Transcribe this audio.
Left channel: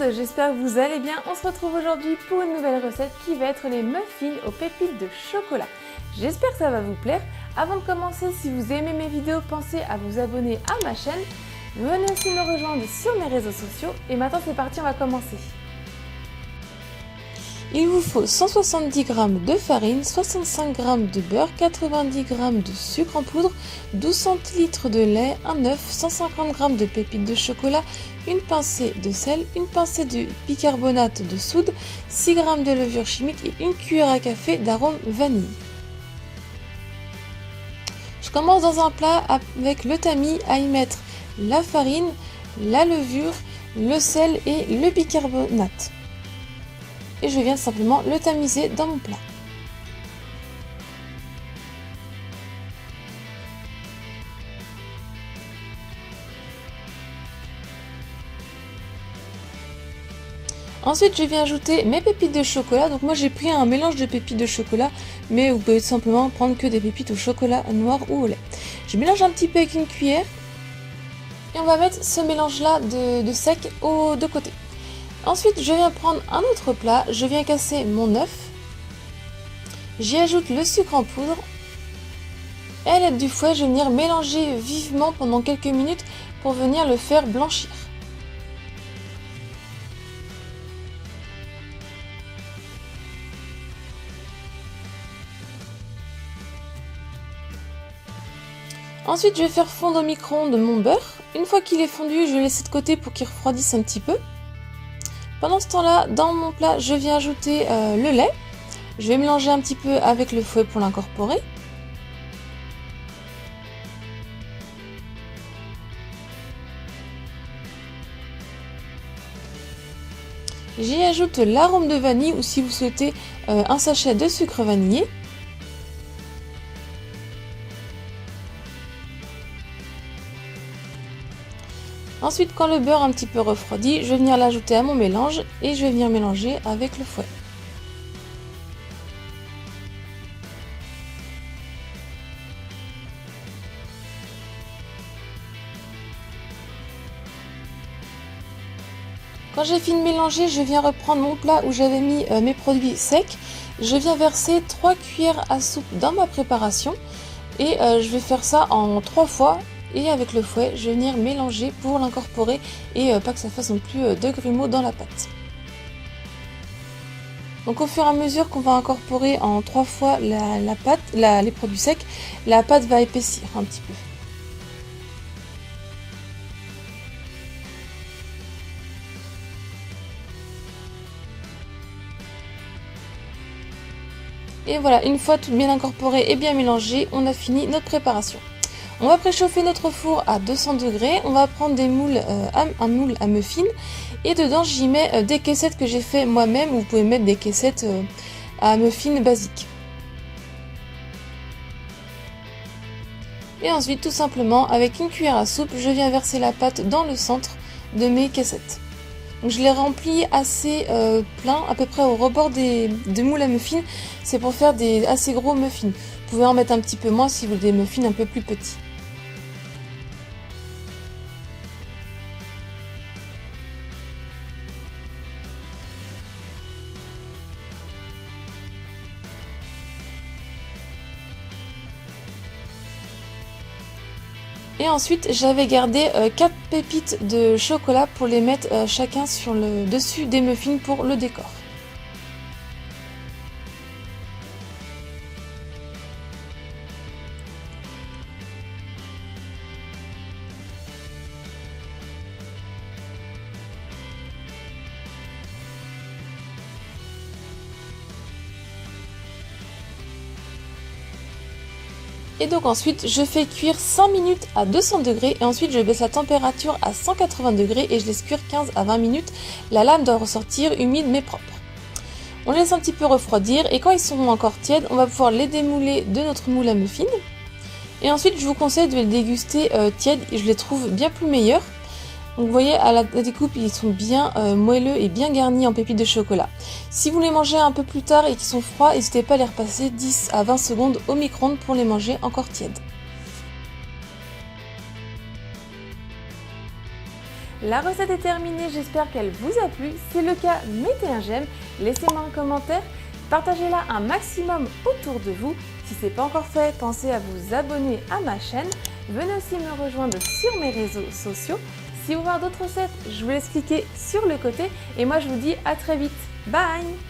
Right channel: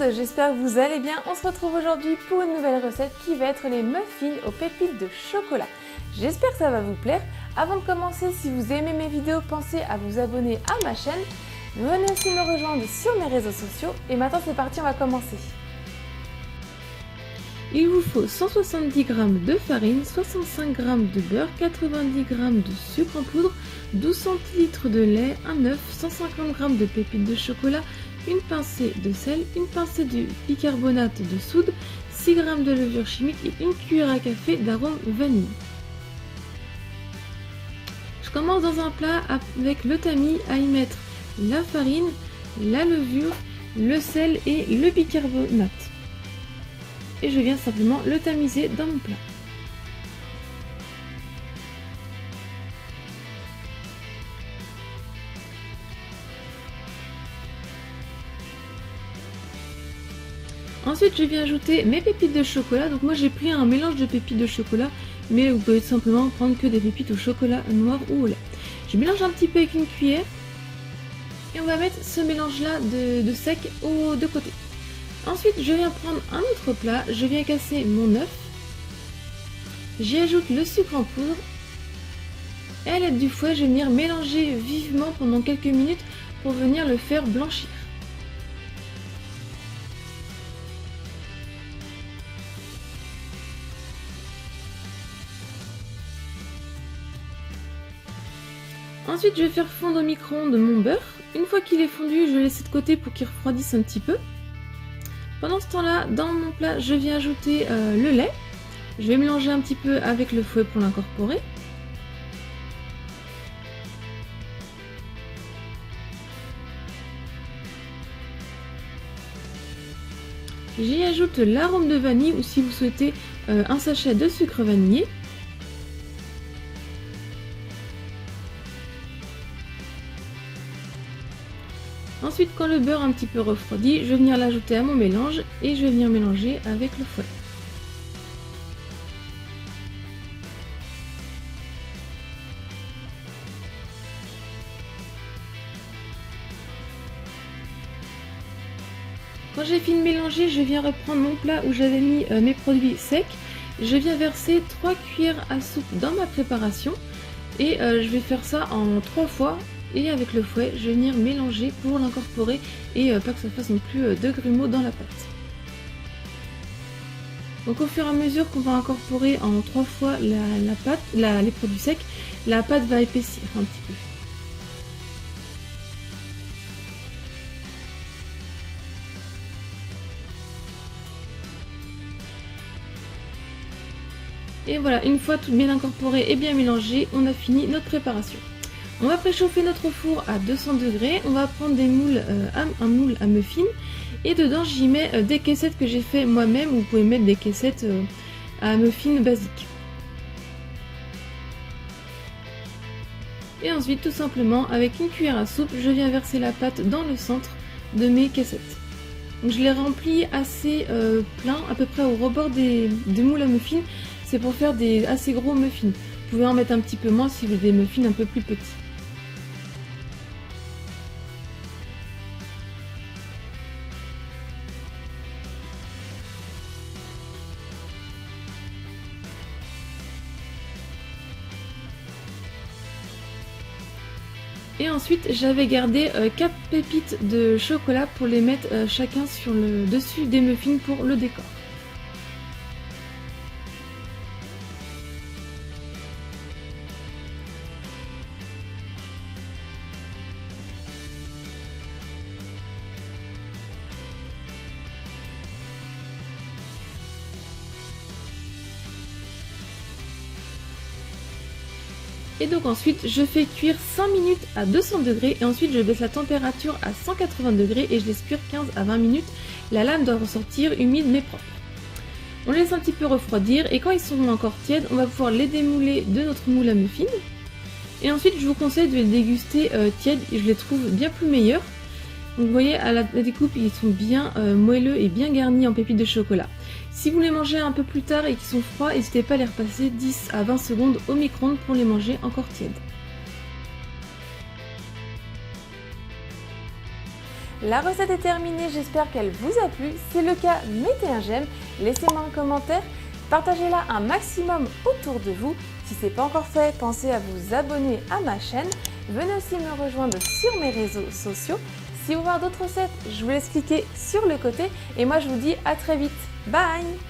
monde, j'espère que vous allez bien. On se retrouve aujourd'hui pour une nouvelle recette qui va être les muffins aux pépites de chocolat. J'espère que ça va vous plaire. Avant de commencer, si vous aimez mes vidéos, pensez à vous abonner à ma chaîne. Venez aussi me rejoindre sur mes réseaux sociaux. Et maintenant c'est parti, on va commencer. Il vous faut 170 g de farine, 65 g de beurre, 90 g de sucre en poudre, 12 centilitres de lait, un œuf, 150 g de pépites de chocolat, une pincée de sel, une pincée de bicarbonate de soude, 6 g de levure chimique et une cuillère à café d'arôme vanille. Je commence dans un plat avec le tamis à y mettre la farine, la levure, le sel et le bicarbonate. Et je viens simplement le tamiser dans mon plat. Ensuite, je viens ajouter mes pépites de chocolat. Donc moi j'ai pris un mélange de pépites de chocolat, mais vous pouvez tout simplement prendre que des pépites au chocolat noir ou au lait. Je mélange un petit peu avec une cuillère et on va mettre ce mélange là de sec aux deux côtés. Ensuite, je viens prendre un autre plat, je viens casser mon œuf, j'y ajoute le sucre en poudre et à l'aide du fouet, je vais venir mélanger vivement pendant quelques minutes pour venir le faire blanchir. Ensuite, je vais faire fondre au micro-ondes mon beurre. Une fois qu'il est fondu, je le laisse de côté pour qu'il refroidisse un petit peu. Pendant ce temps-là, dans mon plat, je viens ajouter le lait. Je vais mélanger un petit peu avec le fouet pour l'incorporer. J'y ajoute l'arôme de vanille ou si vous souhaitez un sachet de sucre vanillé. Ensuite, quand le beurre a un petit peu refroidi, je vais venir l'ajouter à mon mélange et je vais venir mélanger avec le fouet. Quand j'ai fini de mélanger, je viens reprendre mon plat où j'avais mis mes produits secs. Je viens verser 3 cuillères à soupe dans ma préparation et je vais faire ça en 3 fois. Et avec le fouet, je vais venir mélanger pour l'incorporer et pas que ça fasse non plus de grumeaux dans la pâte. Donc au fur et à mesure qu'on va incorporer en 3 fois la pâte, les produits secs, la pâte va épaissir un petit peu. Et voilà, une fois tout bien incorporé et bien mélangé, on a fini notre préparation. On va préchauffer notre four à 200 degrés, on va prendre des moules, un moule à muffins et dedans j'y mets des caissettes que j'ai fait moi-même, vous pouvez mettre des caissettes à muffins basiques. Et ensuite tout simplement avec une cuillère à soupe, je viens verser la pâte dans le centre de mes caissettes. Donc je les remplis assez plein, à peu près au rebord des moules à muffins, c'est pour faire des assez gros muffins. Vous pouvez en mettre un petit peu moins si vous voulez des muffins un peu plus petits. Et ensuite, j'avais gardé 4 pépites de chocolat pour les mettre chacun sur le dessus des muffins pour le décor. Et donc ensuite je fais cuire 5 minutes à 200 degrés et ensuite je baisse la température à 180 degrés et je laisse cuire 15 à 20 minutes. La lame doit ressortir humide mais propre. On les laisse un petit peu refroidir et quand ils seront encore tièdes, on va pouvoir les démouler de notre moule à muffins. Et ensuite je vous conseille de les déguster tièdes, je les trouve bien plus meilleurs. Donc vous voyez à la découpe ils sont bien moelleux et bien garnis en pépites de chocolat. Si vous les mangez un peu plus tard et qu'ils sont froids, n'hésitez pas à les repasser 10 à 20 secondes au micro-ondes pour les manger encore tièdes. La recette est terminée, j'espère qu'elle vous a plu. Si c'est le cas, mettez un j'aime, laissez-moi un commentaire, partagez-la un maximum autour de vous. Si ce n'est pas encore fait, pensez à vous abonner à ma chaîne. Venez aussi me rejoindre sur mes réseaux sociaux. Si vous voulez voir d'autres recettes, je vous laisse cliquer sur le côté. Et moi, je vous dis à très vite. Bye!